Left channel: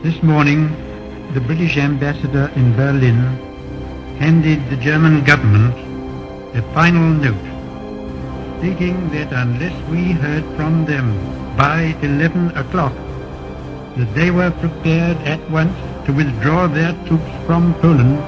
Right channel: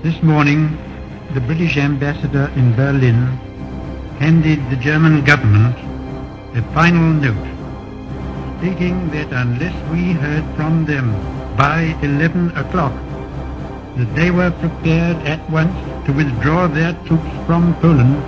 This morning, the British ambassador in Berlin handed the German government a final note stating that unless we heard from them by 11 o'clock, that they were prepared at once to withdraw their troops from Poland,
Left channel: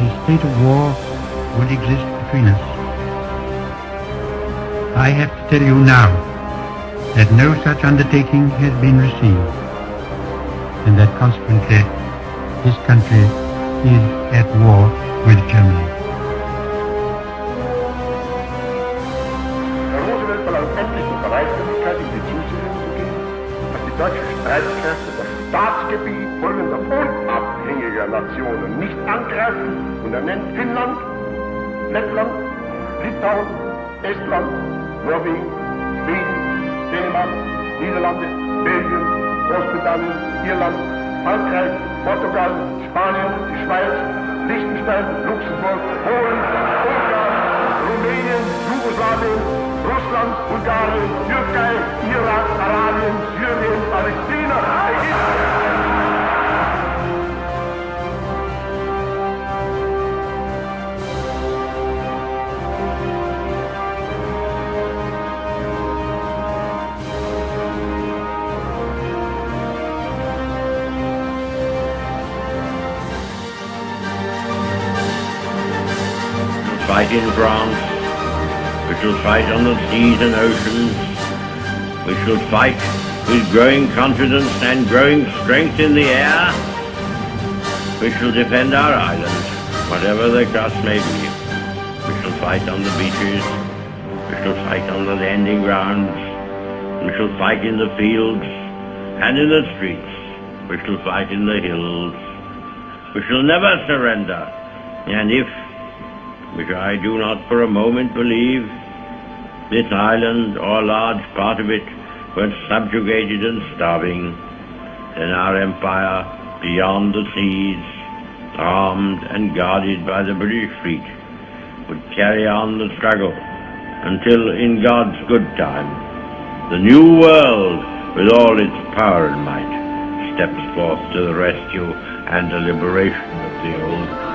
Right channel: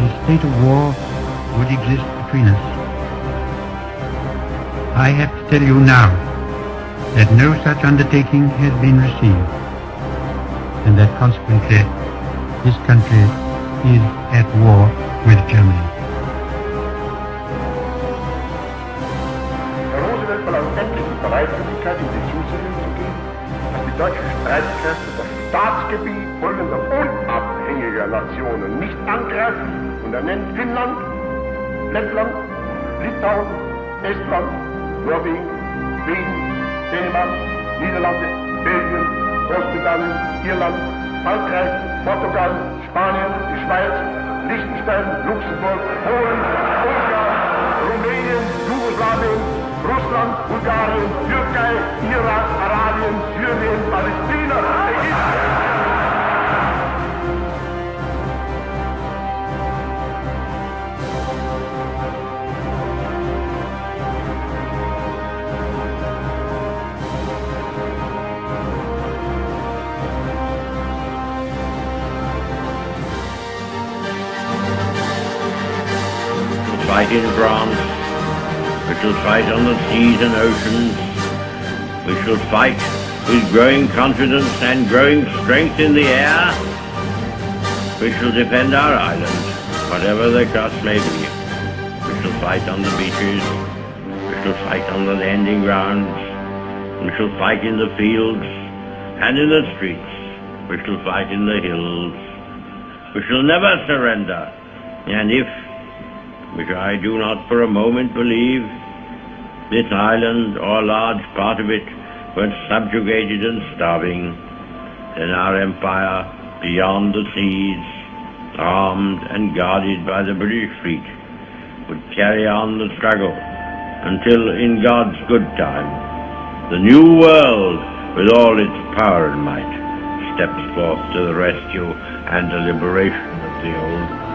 a state of war would exist between us. I have to tell you now that no such undertaking has been received, and that consequently this country is at war with Germany. Herr Roosevelt verlangt endlich die Bereitwilligkeit, in die Zusicherung zu geben, dass die deutschen Streitkräfte das Staatsgebiet folgender unabhängiger Nationen nicht angreifen, und er nennt Finnland, Lettland, Litauen, Estland, Norwegen, Schweden, Dänemark, Niederlande, Belgien, Großbritannien, Irland, Frankreich, Portugal, Spanien, die Schweiz, Liechtenstein, Luxemburg, Polen, Ungarn, Rumänien, Jugoslawien, Russland, Bulgarien, Türkei, Irak, Arabien, Syrien, Palästina, Ägypten. Fight in France, we shall fight on the seas and oceans, we shall fight with growing confidence and growing strength in the air, we shall defend our island, whatever the cost may be. We shall fight on the beaches, we shall fight on the landing grounds, we shall fight in the fields and in the streets, we shall fight in the hills, we shall never surrender, and if, which I do not for a moment believe, this island or a large part of it were subjugated and starving, then our empire beyond the seas, armed and guarded by the British fleet, would carry on the struggle until, in God's good time, the new world, with all its power and might, steps forth to the rescue and the liberation of the old.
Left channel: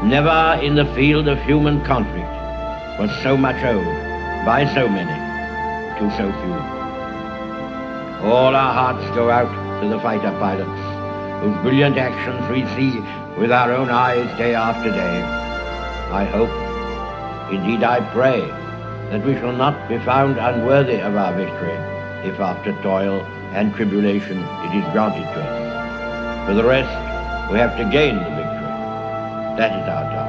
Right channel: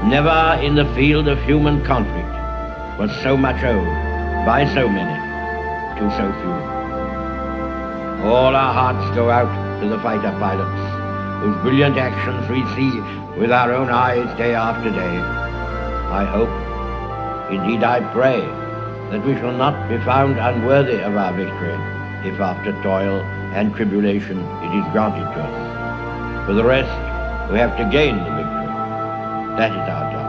Never in the field of human conflict was so much owed by so many to so few. All our hearts go out to the fighter pilots, whose brilliant actions we see with our own eyes day after day. I hope, indeed I pray, that we shall not be found unworthy of our victory, if after toil and tribulation it is granted to us. For the rest, we have to gain the victory. That is our task.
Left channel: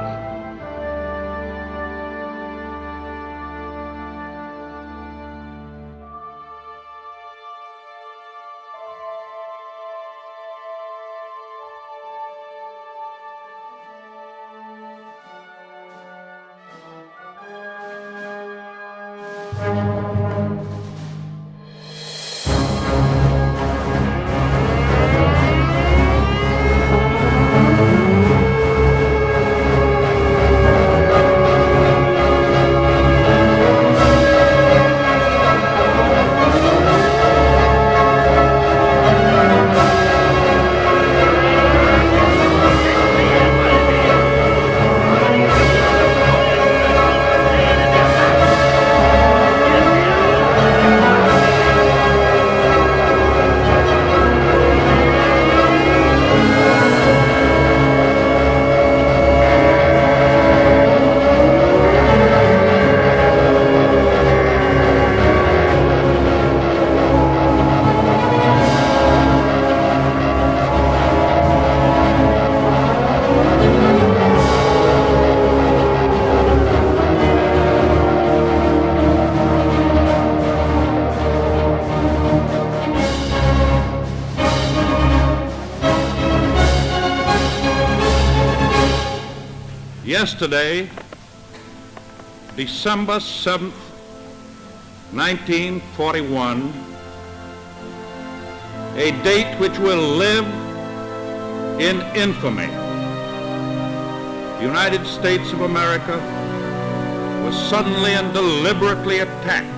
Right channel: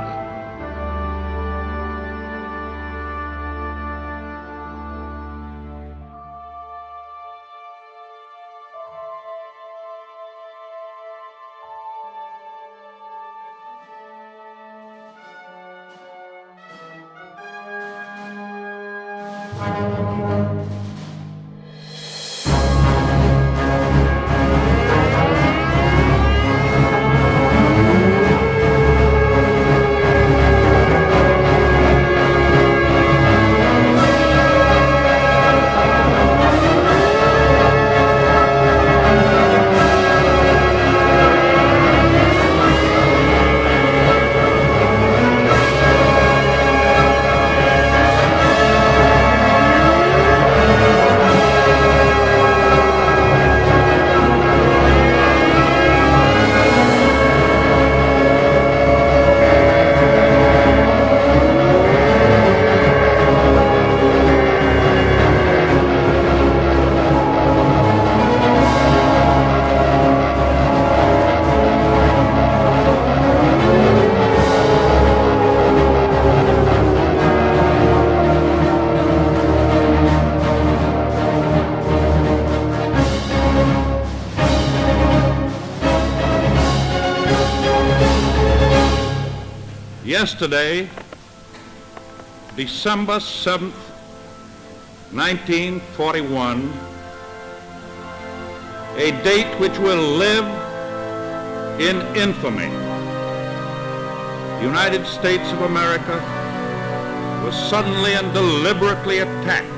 Yesterday, December 7th, 1941, a date which will live in infamy. The United States of America was suddenly and deliberately attacked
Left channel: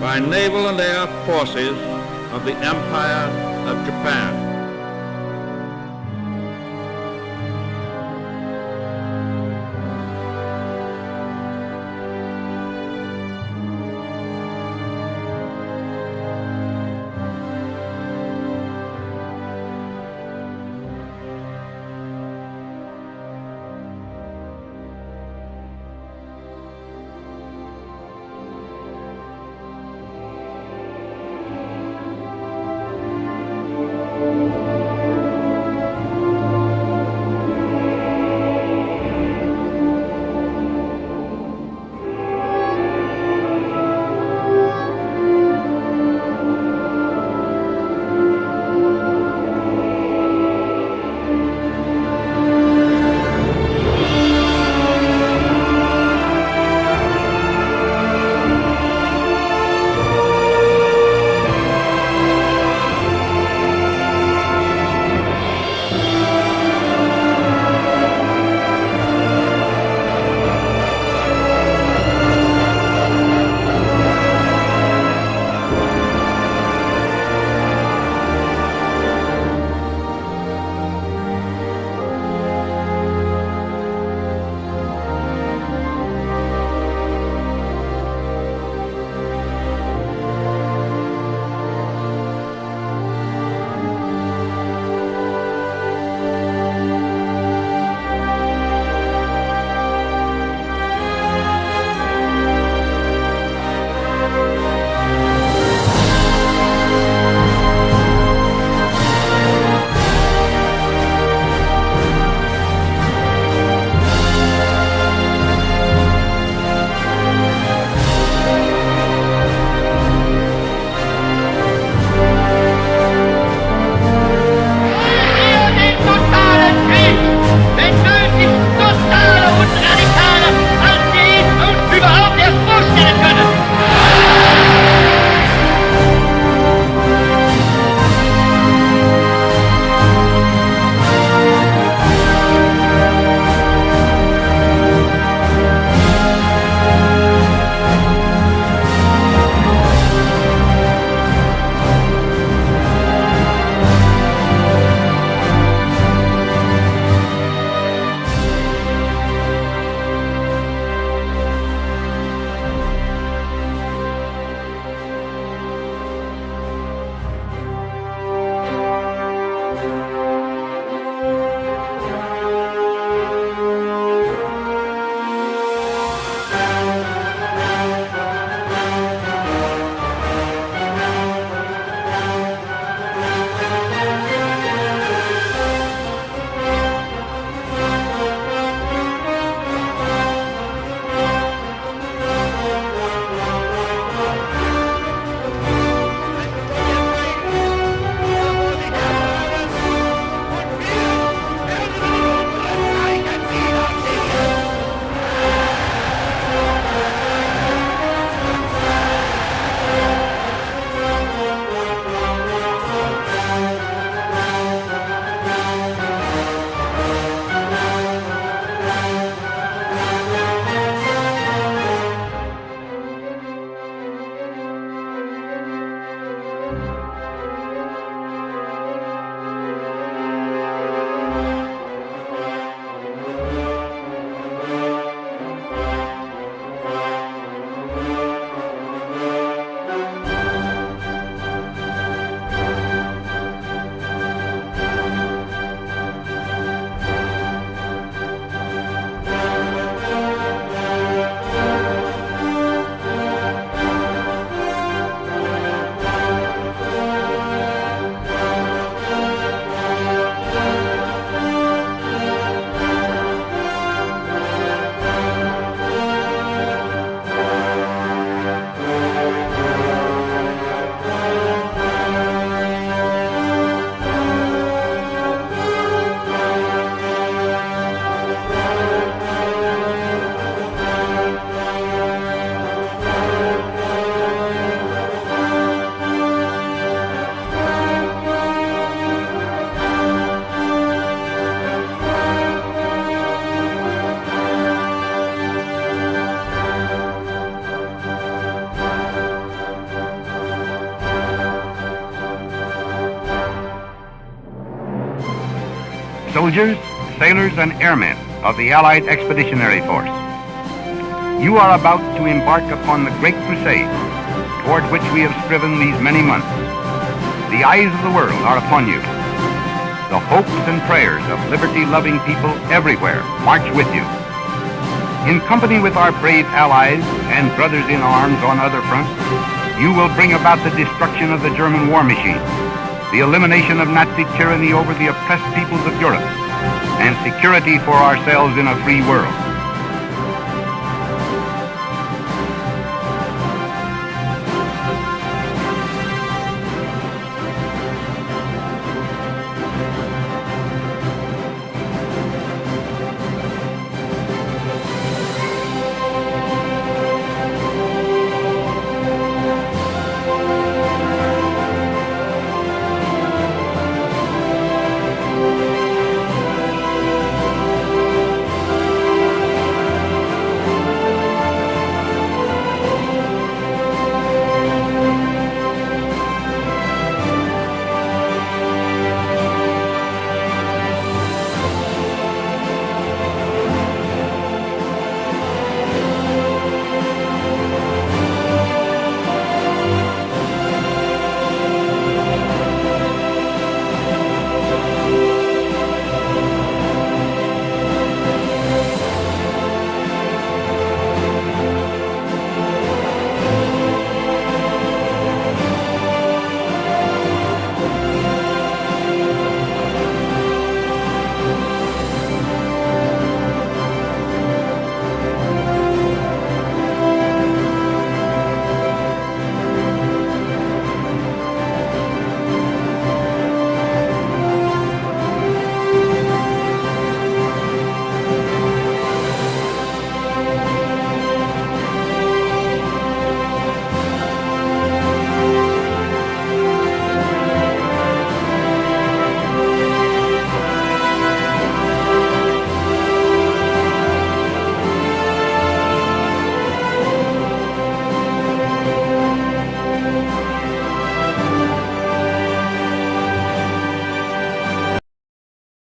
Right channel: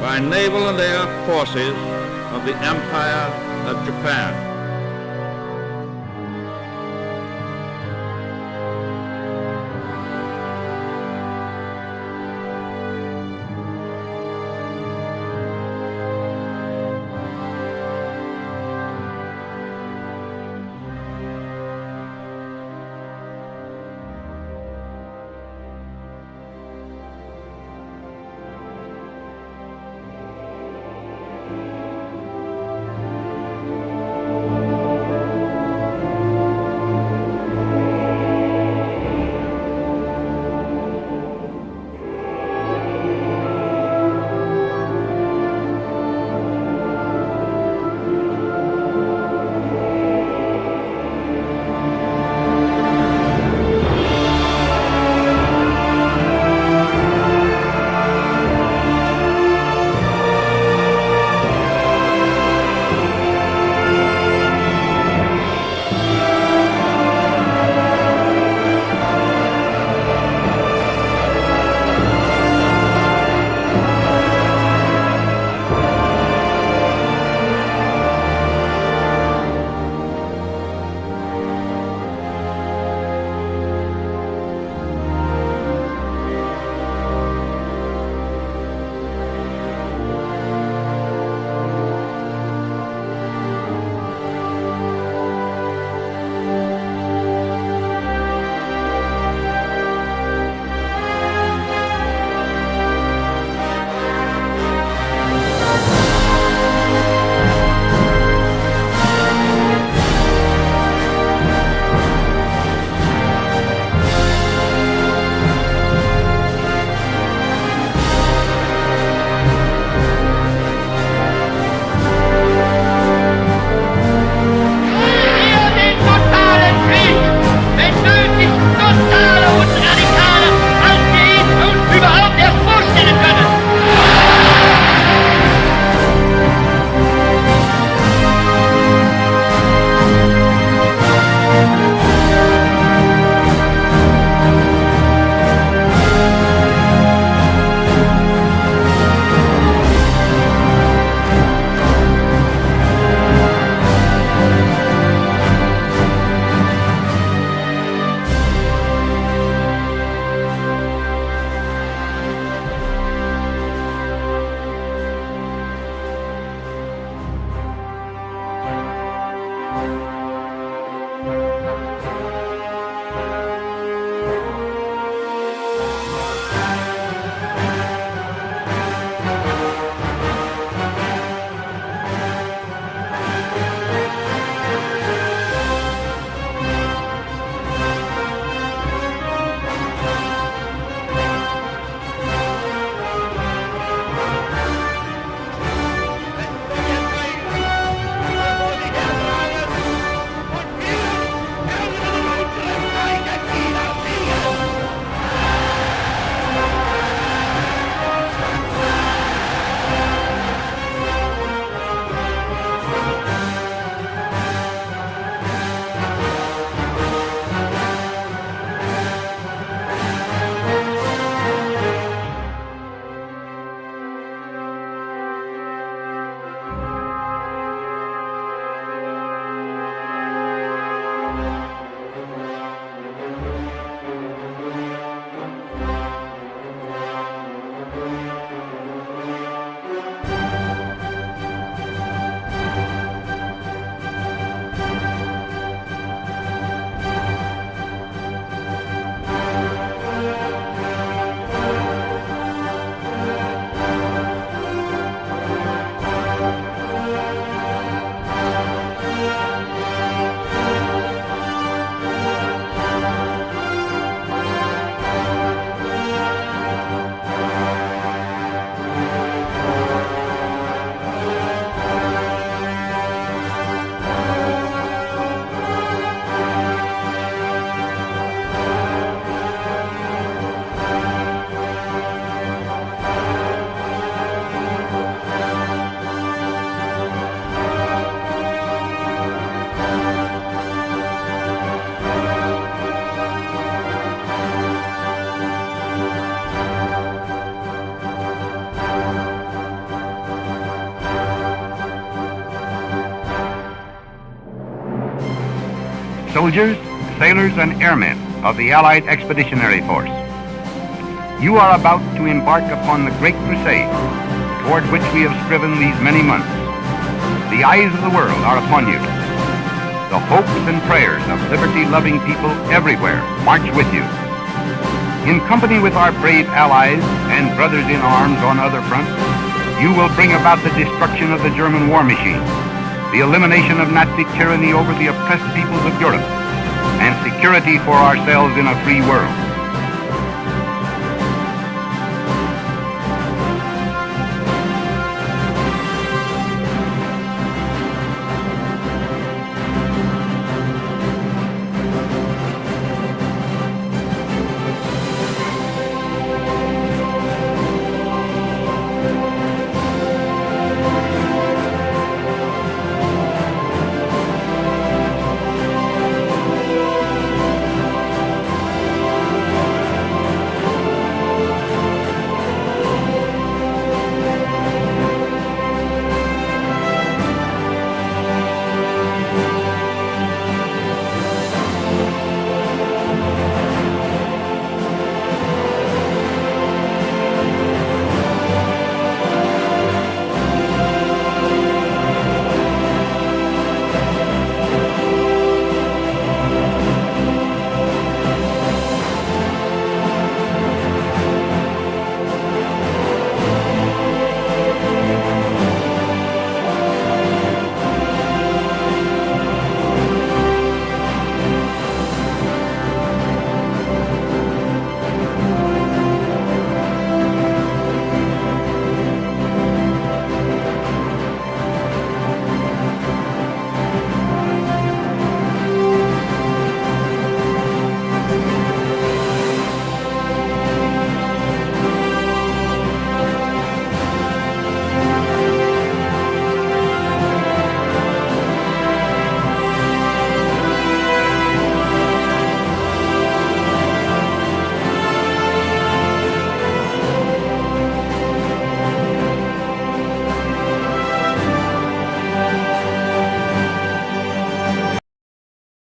by naval and air forces of the Empire of Japan. soldiers, sailors, and airmen of the Allied Expeditionary Force. You are about to embark upon the great crusade toward which we have striven these many months. The eyes of the world are upon you. The hopes and prayers of liberty-loving people everywhere march with you. In company with our brave allies and brothers in arms on other fronts, you will bring about the destruction of the German war machine, the elimination of Nazi tyranny over the oppressed peoples of Europe, and security for ourselves in a free world.